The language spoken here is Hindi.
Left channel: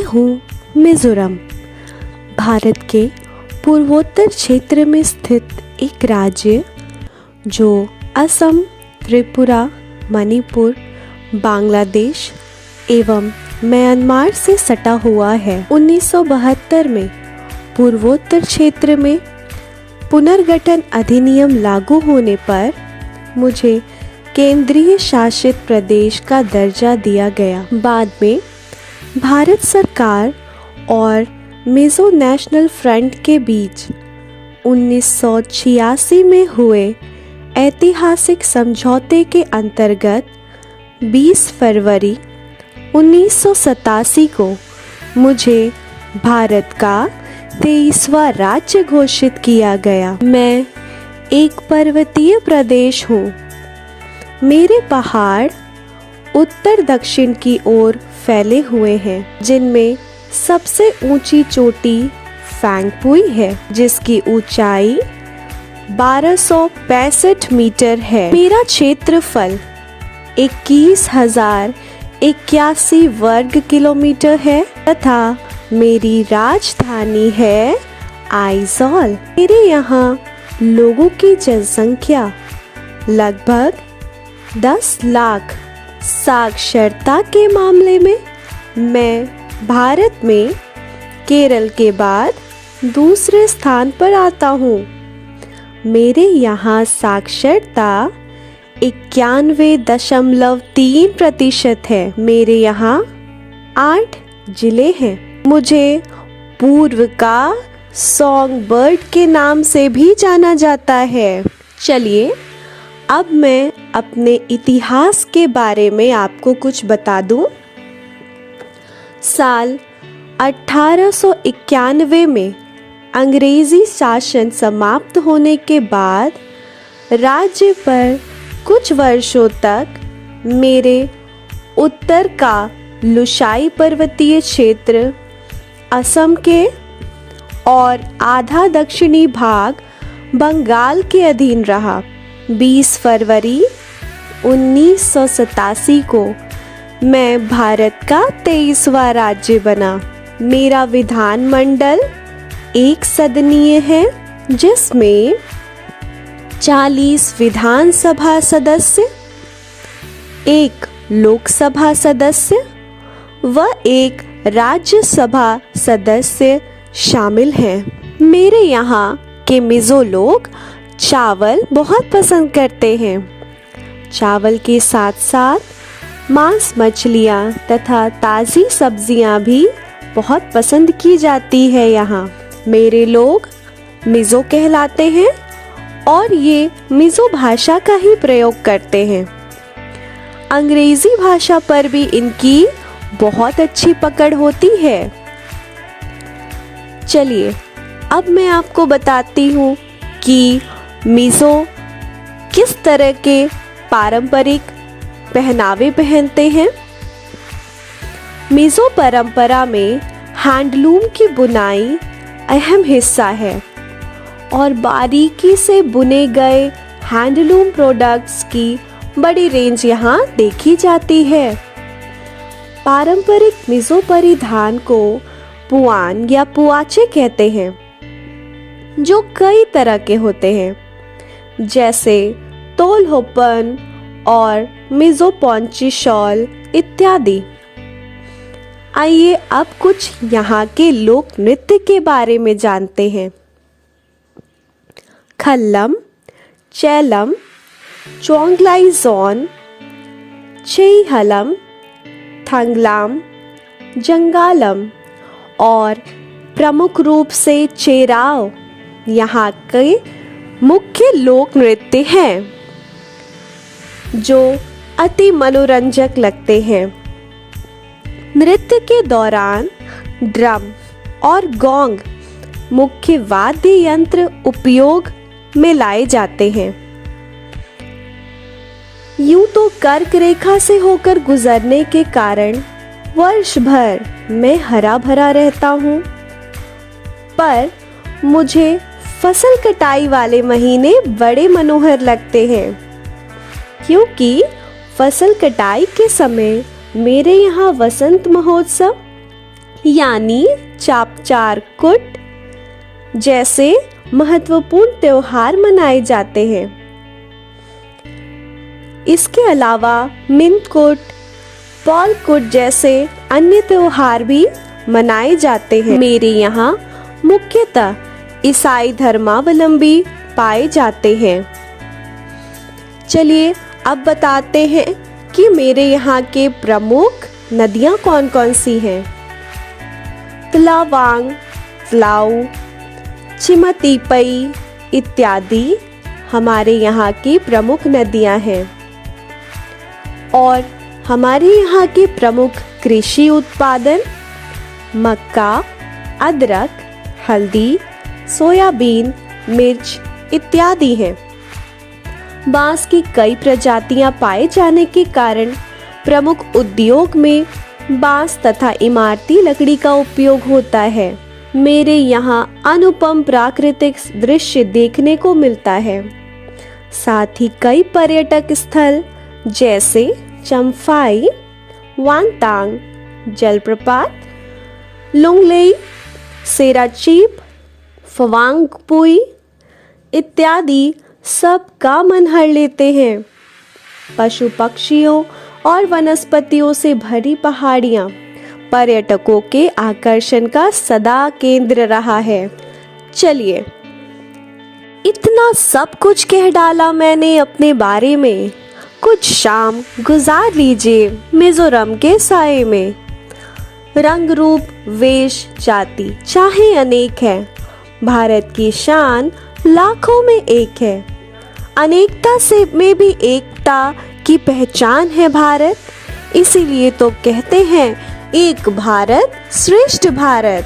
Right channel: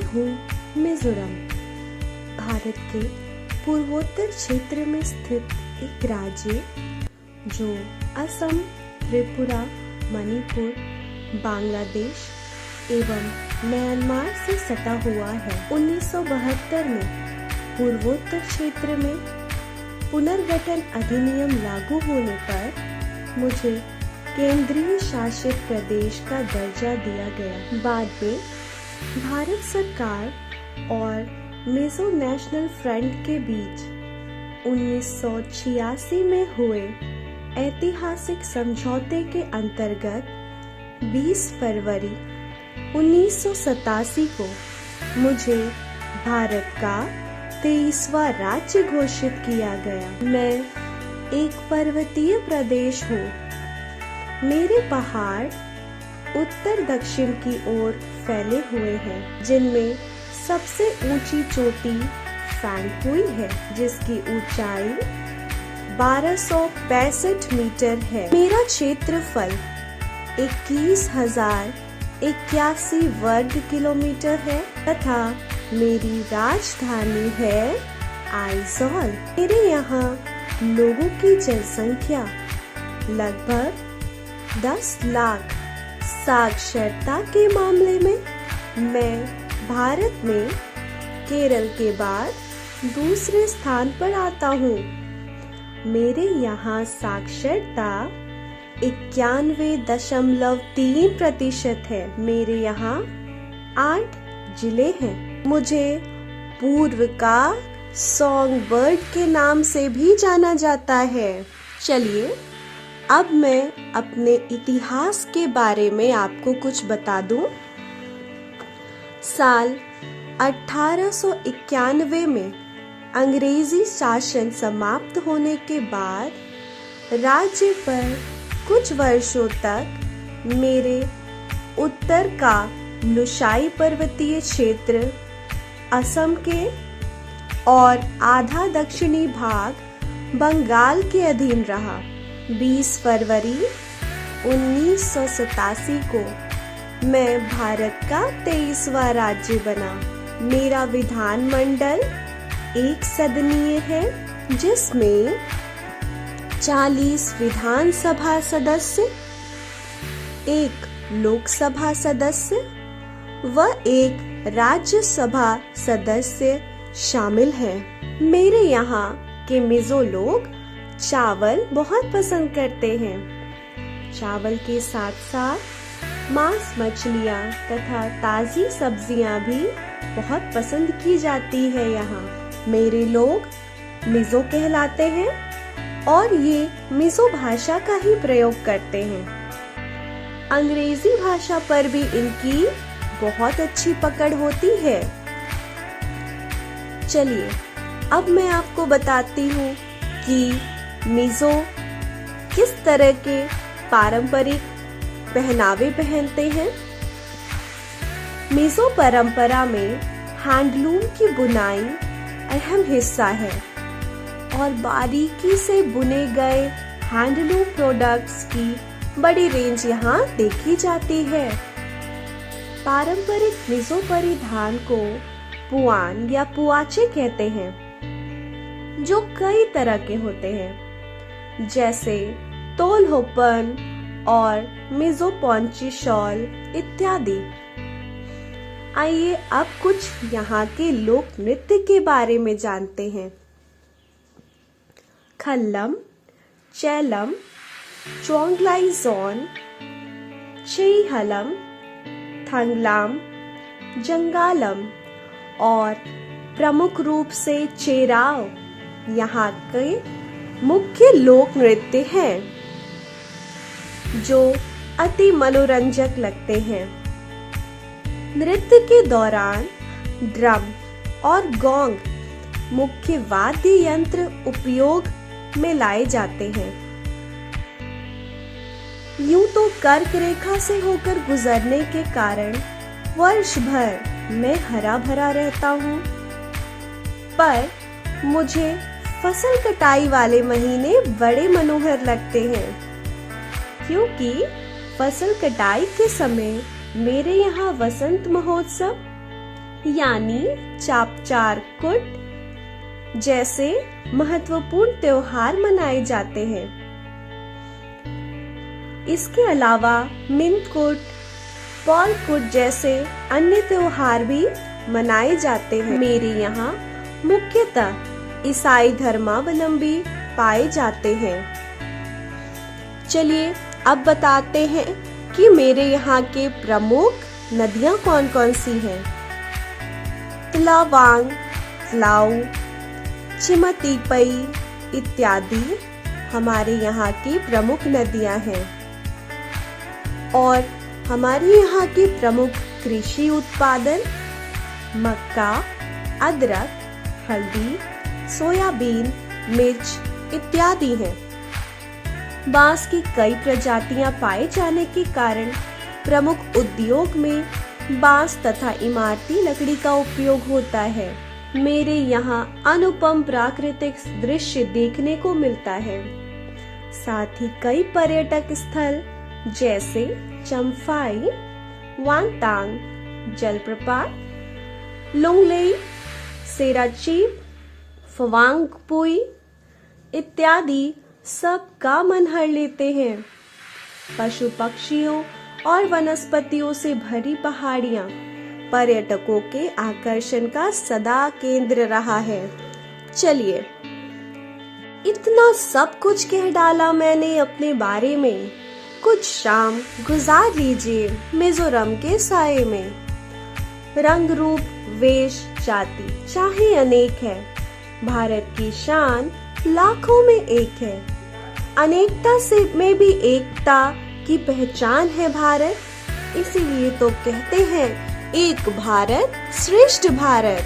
मैं हूँ मिज़ोरम, भारत के पूर्वोत्तर क्षेत्र में स्थित एक राज्य जो असम, त्रिपुरा, मणिपुर, बांग्लादेश एवं म्यांमार से सटा हुआ है। 1972 में पूर्वोत्तर क्षेत्र में पुनर्गठन अधिनियम लागू होने पर मुझे केंद्रीय शासित प्रदेश का दर्जा दिया गया। बाद में भारत सरकार और मिज़ो नेशनल फ्रंट के बीच 1986 में हुए ऐतिहासिक समझौते के अंतर्गत 20 फरवरी 1987 को मुझे भारत का 23वां राज्य घोषित किया गया। मैं एक पर्वतीय प्रदेश हूँ। मेरे पहाड़ उत्तर दक्षिण की ओर फैले हुए हैं, जिनमें सबसे ऊंची चोटी फैंगपुई है, जिसकी ऊंचाई 1265 मीटर है। मेरा क्षेत्रफल 21,081 वर्ग किलोमीटर है तथा मेरी राजधानी है आइजॉल। मेरे यहाँ लोगों की जनसंख्या लगभग 10 लाख। साक्षरता के मामले में मैं भारत में केरल के बाद दूसरे स्थान पर आता हूँ। मेरे यहाँ साक्षरता 91.3% है। मेरे यहाँ 8 जिले हैं। मुझे पूर्व का सॉन्ग बर्ड के नाम से भी जाना जाता है। चलिए अब मैं अपने इतिहास के बारे में आपको कुछ बता दूं। साल 1891 में अंग्रेजी शासन समाप्त होने के बाद राज्य पर कुछ वर्षों तक मेरे उत्तर का लुसाई पर्वतीय क्षेत्र, असम के और आधा दक्षिणी भाग बंगाल के अधीन रहा। 20 फरवरी 1987 को मैं भारत का 23वां राज्य बना। मेरा विधानमंडल एक सदनीय है, जिसमें 40 विधानसभा सदस्य, एक लोकसभा सदस्य व एक राज्यसभा सदस्य शामिल हैं। मेरे यहाँ के मिज़ो लोग चावल बहुत पसंद करते हैं। चावल के साथ साथ मांस, मछलियाँ तथा ताज़ी सब्जियाँ भी बहुत पसंद की जाती है। यहाँ मेरे लोग मिज़ो कहलाते हैं और ये मिज़ो भाषा का ही प्रयोग करते हैं। अंग्रेजी भाषा पर भी इनकी बहुत अच्छी पकड़ होती है। चलिए अब मैं आपको बताती हूँ कि मिज़ो किस तरह के पारंपरिक पहनावे पहनते हैं। मिज़ो परंपरा में हैंडलूम की बुनाई अहम हिस्सा है और बारीकी से बुने गए हैंडलूम प्रोडक्ट्स की बड़ी रेंज यहाँ देखी जाती है। पारंपरिक मिज़ो परिधान को पुआन या पुआचे कहते हैं, जो कई तरह के होते हैं, जैसे तोलहोपन और मिज़ो पॉन्ची शॉल इत्यादि। आइए अब कुछ यहाँ के लोक नृत्य के बारे में जानते हैं। खल्लम, चैलम, चोंगलाइजोन, चेईहलम, थंगलाम, जंगालम और प्रमुख रूप से चेराव यहाँ के मुख्य लोक नृत्य हैं, जो अति मनोरंजक लगते हैं। नृत्य के दौरान ड्रम और गोंग मुख्य वाद्य यंत्र उपयोग में लाए जाते हैं। यूं तो कर्क रेखा से होकर गुजरने के कारण वर्ष भर मैं हरा भरा रहता हूँ, पर मुझे फसल कटाई वाले महीने बड़े मनोहर लगते हैं, क्योंकि फसल कटाई के समय मेरे यहाँ वसंत महोत्सव यानी चापचारकुट जैसे महत्वपूर्ण त्योहार मनाए जाते हैं। इसके अलावा मिंतकुट, पॉलकुट जैसे अन्य त्योहार भी मनाए जाते हैं। मेरे यहाँ मुख्यतः ईसाई धर्मावलंबी पाए जाते हैं। चलिए अब बताते हैं कि मेरे यहाँ के प्रमुख नदियाँ कौन कौन सी हैं। तलावांग, तलाऊ, चिमतीपई इत्यादि हमारे यहाँ की प्रमुख नदियाँ हैं। और हमारे यहाँ के प्रमुख कृषि उत्पादन मक्का, अदरक, हल्दी, सोयाबीन, मिर्च इत्यादि हैं। बांस की कई प्रजातियां पाए जाने के कारण प्रमुख उद्योग में बांस तथा इमारती लकड़ी का उपयोग होता है। मेरे यहाँ अनुपम प्राकृतिक दृश्य देखने को मिलता है। साथ ही कई पर्यटक स्थल जैसे चम्फाई, वांगतांग जलप्रपात, लुंगलेई, सेराचीप, फवांगपुई इत्यादि सब का मन हर लेते हैं। पशु पक्षियों और वनस्पतियों से भरी पहाड़ियां पर्यटकों के आकर्षण का सदा केंद्र रहा है। चलिए, इतना सब कुछ कह डाला मैंने अपने बारे में। कुछ शाम गुजार लीजिए मिजोरम के साए में। रंग रूप वेश जाति चाहे अनेक है, भारत की शान लाखों में एक है। अनेकता से में भी एकता की पहचान है भारत। इसीलिए तो कहते हैं एक भारत श्रेष्ठ भारत।